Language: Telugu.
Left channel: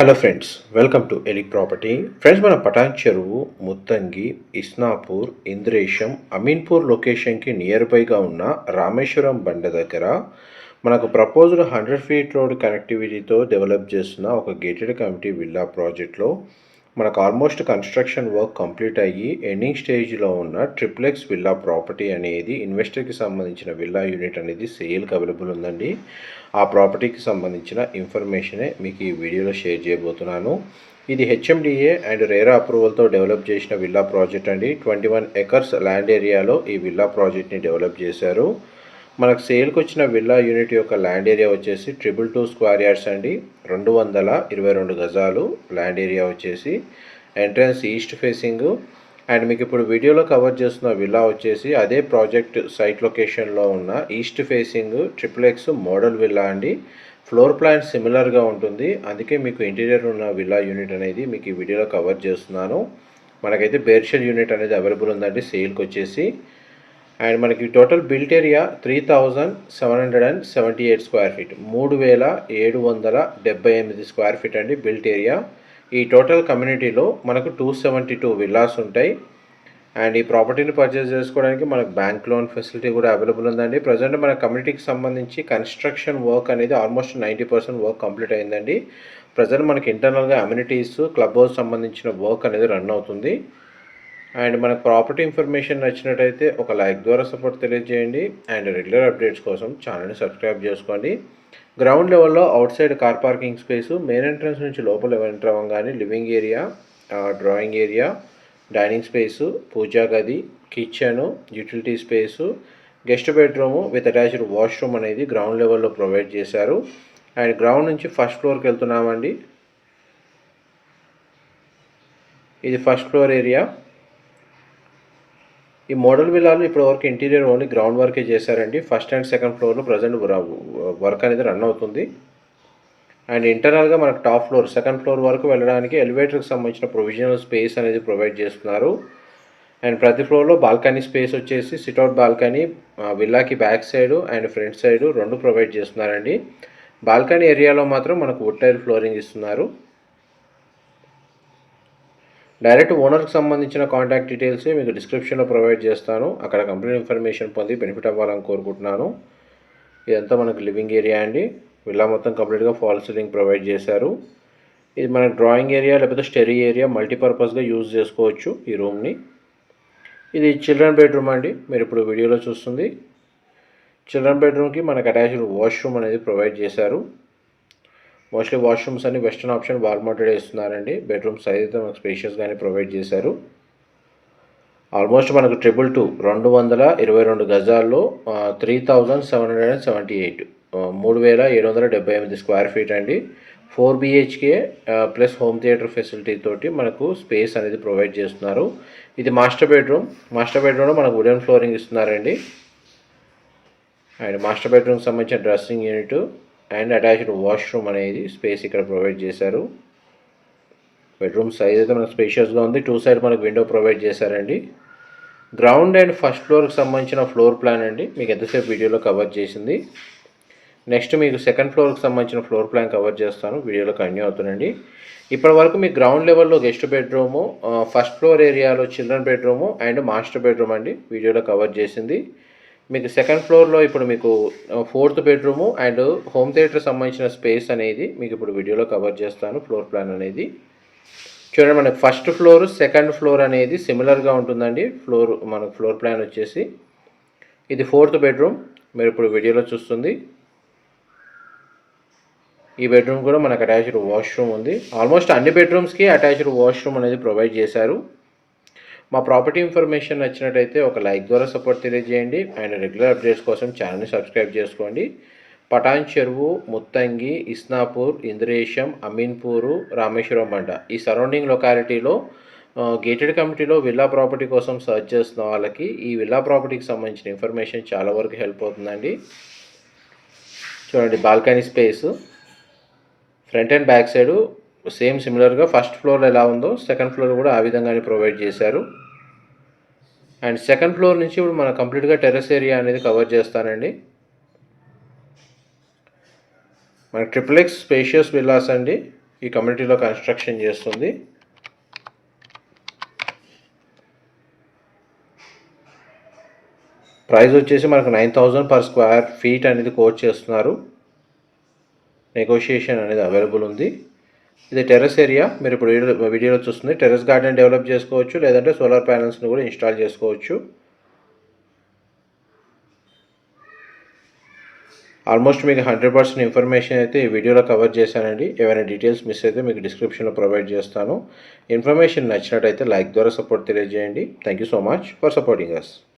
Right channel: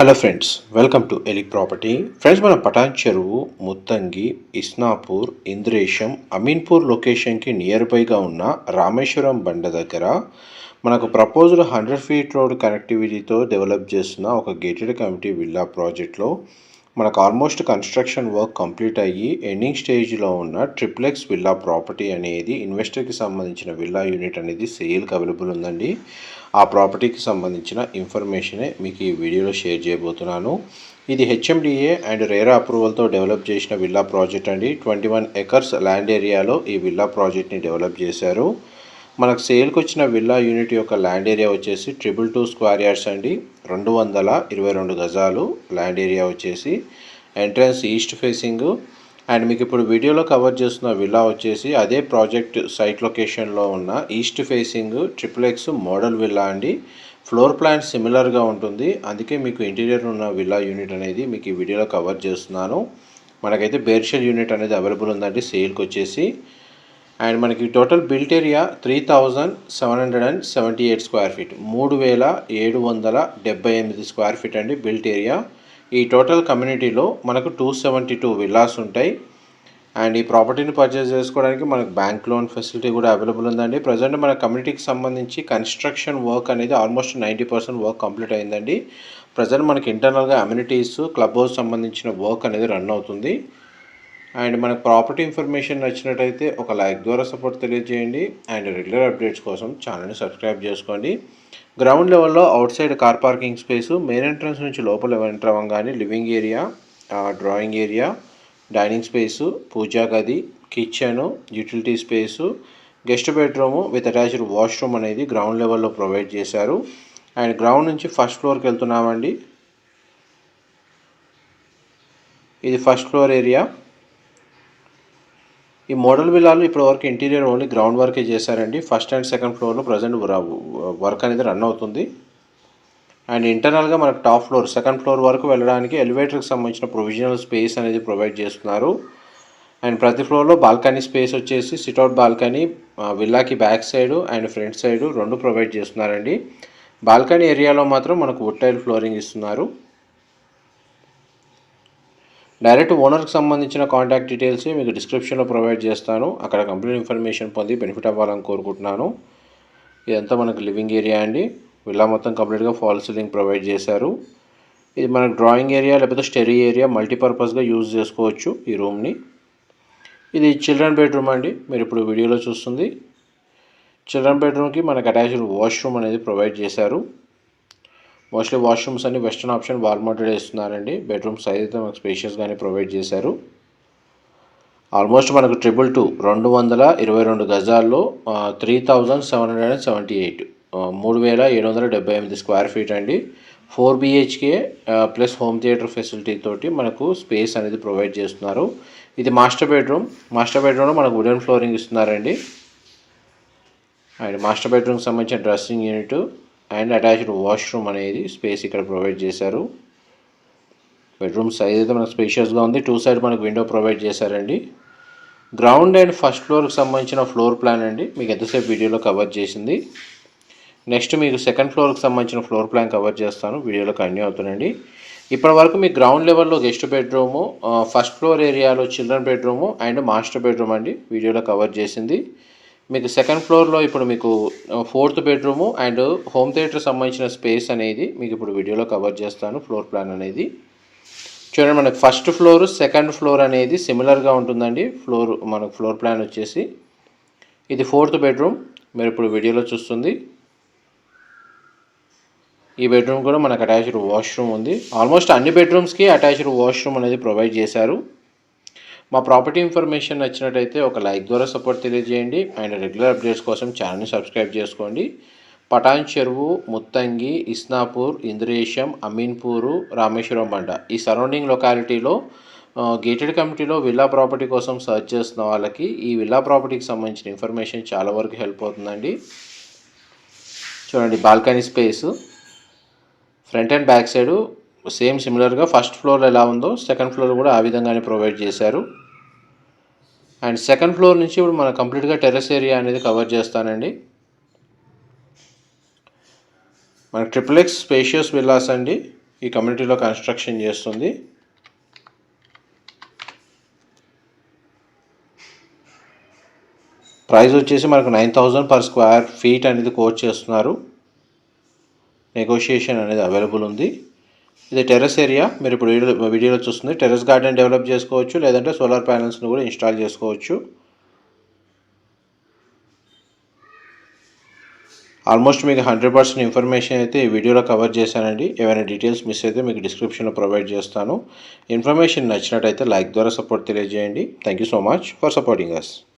హలో ఫ్రెండ్స్, వెల్కమ్ టు ఎలిక్ ప్రాపర్టీ. ఫ్రెండ్స్, మన పటాన్ చెరువు, ముత్తంగి, ఇస్నాపూర్, ఇంద్రేశం, అమీన్పూర్ లొకేషన్కి నియర్ బైగా ఉన్న రామేశ్వరం బండ దగ్గర మనకు ప్రపోజ్డ్ 100 ఫీట్ రోడ్ కనెక్టివిటీతో డెవలప్ చేస్తున్న ఒక గేటెడ్ కమ్యూనిటీ విల్లా ప్రాజెక్ట్లో మనకు ఆల్మోస్ట్ కన్స్ట్రక్షన్ వర్క్ కంప్లీట్ అయ్యి ఎండింగ్ స్టేజ్లో ఉన్న ట్రిప్లెక్స్ విల్లా ప్రాపర్టీ అనేది ఇన్వెస్టర్కి సంబంధించిన విల్లా యూనిట్ అనేది సేల్కి అవైలబుల్ ఉందండి. ఆ ప్రాపర్టీకి సంబంధించిన ఇన్ఫర్మేషనే మీకు ఈ వీడియోలో షేర్ చేయబోతున్నాను. ఇది హెచ్ఎండిఏ అండ్ రేరా అప్రూవల్తో డెవలప్ చేసిన విల్లా ప్రాజెక్ట్ అండి. 21 ఎకర్స్ ల్యాండ్ ఏరియాలో ఈ విల్లా ప్రాజెక్ట్ని డెవలప్ చేశారు. మనకు సేల్కి వచ్చిన విల్లా యూనిట్ యొక్క ల్యాండ్ ఏరియా వచ్చేసి 222 స్క్వేర్ యార్డ్స్ అండి. 222 గజాలు ల్యాండ్ ఏరియా వచ్చేసి. Entrance east facing. అండ్ మీకు ఇప్పుడు వీడియోలో కవర్ చేస్తున్న విల్లా వచ్చేసి అదే ప్రాజెక్ట్ సైట్ లొకేషన్లో ఉన్న east facing triplex model villa అండి. ఫ్లోర్ ప్లాన్ సిమిలర్గా ఉంటుంది, అందుకే మీకు ఇంటీరియర్ ఉన్న విల్లా యూనిట్ అనేది మీకు ఈ వీడియోలో కవర్ చేస్తున్నాను. మనకైతే బేర్షెల్ యూనిట్ అనేది అవైలబుల్ ఉందండి సేల్కి వచ్చేసి. అండ్ మనకి total built area 3778 square feet, 3778 square feet అండి బిల్ట్ ఏరియా. ఈ టోటల్ కమ్యూనిటీలో మనకు 272 విల్లాస్ ఉంటాయి. అండ్ ఈ ప్రాపర్టీని పర్చేస్ చేసుకోవడానికి మనకు బ్యాంక్ లోన్ ఫెసిలిటీ కూడా అవైలబుల్ ఉందండి. ప్రజెంట్ మన కమ్యూనిటీకి సంబంధించి కన్స్ట్రక్షన్ వర్క్ అనేది ఆల్మోస్ట్ 90% వర్క్ కంప్లీట్ అయిందండి. ప్రజెంట్ మనకి ఇంటర్నల్గా అమ్యూనిటీస్, క్లబ్ హౌస్ సంబంధించిన వర్క్ అనేది రన్ అవుతుంది. అండ్ మనకు ప్రాపర్టీ ఇన్ఫర్మేషన్ నచ్చినట్టయితే ఒక లైక్ ద్వారా సపోర్ట్ తెలియజేయండి. అండ్ రెగ్యులర్ అప్డేట్స్ కోసం ఛానల్ని సబ్స్క్రైబ్ చేసుకోండి. గ్రౌండ్ లెవెల్లో outside car parking space, main entrance నుంచి లోపల ఎంటర్ అవ్వగానే living area, drawing area, dining space, puja గది, kitchen, utility space, guest bedroom with attached washroom అనేది గ్రౌండ్ లెవెల్లో ప్రొవైడ్ చేశారు. అండ్ గ్రౌండ్ నుంచి ఫస్ట్ ఫ్లోర్కి వెళ్తున్నామండి. ఇది ఫస్ట్ ఫ్లోర్ ఏరియా. ఈ మోడల్ విల్లాలు ఇప్పటివరకు ఇంటీరియర్ ఓన్లీ గ్రౌండ్ వర్కే చేశారండి. ఫస్ట్ అండ్ సెకండ్ ఫ్లోర్లో ప్రజెంట్ వర్క్ అనేది రన్ అవుతుంది. అండ్ ఇంటర్నల్గా మనకు టాప్ ఫ్లోర్, సెకండ్ ఫ్లోర్ వరకు వెళ్ళడానికి ఎలివేటర్కి సంబంధించిన ప్రొవిజనల్ స్పేస్ అనేది ప్రొవైడ్ చేస్తున్నారు. అండ్ ప్రతి ఫ్లోర్లో బాల్కనీ స్పేస్ వచ్చేసి సిట్అవుట్ బాల్కనీ విల్లాకి back side and front side రెండు ప్రొవైడ్ చేస్తున్నారండి. బాల్కనీ ఏరియాలో మాత్రం మనకు వుడ్ టైల్ ఫ్లోరింగ్ ఇస్తున్నారు. డైరెక్ట్ ఓనర్కి సంబంధించిన కాంటాక్ట్ డీటెయిల్స్ మీకు డిస్క్రిప్షన్లో ప్రొవైడ్ చేస్తాను. అక్కడ కంప్లీట్ ఇన్ఫర్మేషన్ పొంది బెనిఫిట్ అవ్వాలని కోరుకుంటున్నాను. ఇదంతా మనకు లివింగ్ ఏరియా అండి. విల్లా మొత్తం కంప్లీట్గా ఫాల్ సీలింగ్ ప్రొవైడ్ చేశారు. ఇది మనకు డ్రాయింగ్ ఏరియా లేకపోతే స్టడీ ఏరియా మల్టీపర్పస్గా యూజ్ చేసుకోవచ్చు ఈ రూమ్ని. ఇది చిల్డ్రన్ బెడ్రూమ్ అండి. మీరు ఇప్పుడు వీడియోలో చూస్తుంది చిల్డ్రన్ బెడ్రూమ్కి మనకు అటాచ్డ్ వాష్రూమ్ అనేది ప్రొవైడ్ చేశారు. మోస్ట్లీ వాష్రూమ్స్ అన్ని వెస్టర్న్ ఆప్షన్ వాల్ మౌంటెడ్ ఇస్తున్నారండి. బెడ్రూమ్ సైజ్ అయితే మనకు స్పేషియస్గానే ప్రొవైడ్ చేశారు. ఆల్మోస్ట్ మనకు 222 గజాల్లో 3778 3778 స్క్వేర్ ఫీట్ అండి. 4 BHK plus home theatre facility తోటి మనకు స్పేస్ అనేది ప్రొవైడ్ చేస్తున్నారు. ఇది మాస్టర్ బెడ్రూమ్. మాస్టర్ బెడ్రూమ్లో మనకు వుడెన్ ఫ్లోరింగ్ ఇస్తున్నారండి. అండ్ మాస్టర్ బెడ్రూమ్కి సంబంధించిన dressing unit and attached washroom అనేది స్పేస్ ఇక్కడ ప్రొవైడ్ చేశారు. బెడ్రూమ్ సైజ్ అయితే మనకు స్పేషియస్గా ఉంది. టూ సైడ్ మనకు విండో ప్రొవైడ్ చేశారండి. గ్రౌండ్ అండ్ ఫస్ట్ ఫ్లోర్కి సంబంధించిన ఫ్లోర్ ప్లాన్ అండి మీకు ఎంతసేపు వీడియోలో కవర్ చేసింది. నెక్స్ట్ మీకు సెకండ్ ఫ్లోర్కి సంబంధించిన ఫ్లోర్ ప్లాన్ కవర్ చేస్తాను, వీడియోలో కంటిన్యూ అవుతుందండి. ఇప్పటి వరకు మీకు గ్రౌండ్ లెవెల్లో గెస్ట్ బెడ్రూము, ఫస్ట్ ఫ్లోర్ ఏరియాలో children bedroom and master bedroom అండి వీడియోలో కవర్ చేసింది. మీకు సెకండ్ ఫ్లోర్లో ఇప్పుడు మీకు 4th bedroom and home theatre సంబంధించిన స్పేస్ అనేది మీకు ఇప్పుడు వీడియోలో కవర్ చేస్తాను. ఫ్లోర్ ప్లాన్ అనేది చూడండి. మనకు ఫస్ట్ ఫ్లోర్, సెకండ్ ఫ్లోర్ అనేది సిమిలర్గా ఉంటుందండి. మనకు ఫ్లోర్ ప్లాన్ వచ్చేసి ఇది 4th బెడ్రూమ్ మీరు ఇప్పుడు వీడియోలో చూస్తుంది. ఈ బెడ్రూమ్ కూడా మనకు అటాచ్డ్ వాష్రూమ్ ఉంది. ఆల్మోస్ట్ అన్ని బెడ్రూమ్స్కి అటాచ్డ్ వాష్రూమ్ అనేది ప్రొవైడ్ చేశారు. మా ప్రాపర్టీ ఇన్ఫర్మేషన్ నచ్చినట్టయితే ఒక లైక్ ద్వారా సపోర్ట్ తెలియజేయండి. అండ్ రెగ్యులర్ అప్డేట్స్ కోసం ఛానల్ని సబ్స్క్రైబ్ చేసుకోండి. పటాన్ చెరువు, ముత్తంగి, ఇస్నాపూర్, ఇంద్రేశం, అమీన్పూరు, రామేశ్వరం బండ ఈ సరౌండింగ్ లొకాలిటీలో గేటెడ్ కమ్యూనిటీలో విల్లా ప్రాపర్టీ కోసం సర్చ్ చేస్తున్న వాళ్ళకి ఈ విల్లా ప్రాపర్టీకి సంబంధించిన ఇన్ఫర్మేషన్ చాలా వరకు హెల్ప్ అవుతుందండి. చూడండి, balcony space front and back side same సిమిలర్గా ఫస్ట్ ఫ్లోర్లో ఎలా ఉందో సెకండ్ ఫ్లోర్ కూడా ఆ విధంగానే ప్రొవైడ్ చేశారు. అండ్ సెకండ్ ఫ్లోర్ నుంచి ఇప్పుడు మనం కంప్లీట్గా టెర్రస్ ఏరియా అనేది కవర్ చేస్తానండి. మనకి ట్రిపుల్ ఎక్స్ స్పేషియస్ విల్లాస్ అండి. ఈ కమ్యూనిటీలో కన్స్ట్రక్షన్ చేస్తుంది. ప్రైస్ వచ్చేసి మనకు 9,000 పర్ స్క్వేర్ ఫీట్ అనేది కోట్ చేస్తున్నారు. నెగోషియేషన్ అనేది అవైలబుల్ ఉంది. ఇది టెర్రస్ ఏరియా. మీరు ఇప్పుడు వీడియోలో చూస్తుంది టెర్రస్ గార్డెన్ డెవలప్ చేసుకోవచ్చు, లేదంటే సోలార్ ప్యానెల్స్ని కూడా ఇన్స్టాల్ చేసుకోవచ్చు. ఆల్మోస్ట్ మీకు 100% ఇన్ఫర్మేషన్ అయితే ఈ వీడియోలో కవర్ చేశానండి. ఏమైనా డీటెయిల్స్ మిస్ అయితే మీకు డిస్క్రిప్షన్లో ప్రొవైడ్ చేస్తాను. ఇన్ఫర్మేషన్ నచ్చినట్టయితే లైక్ ద్వారా సపోర్ట్ తెలియజేయండి. Thank you so much for supporting us.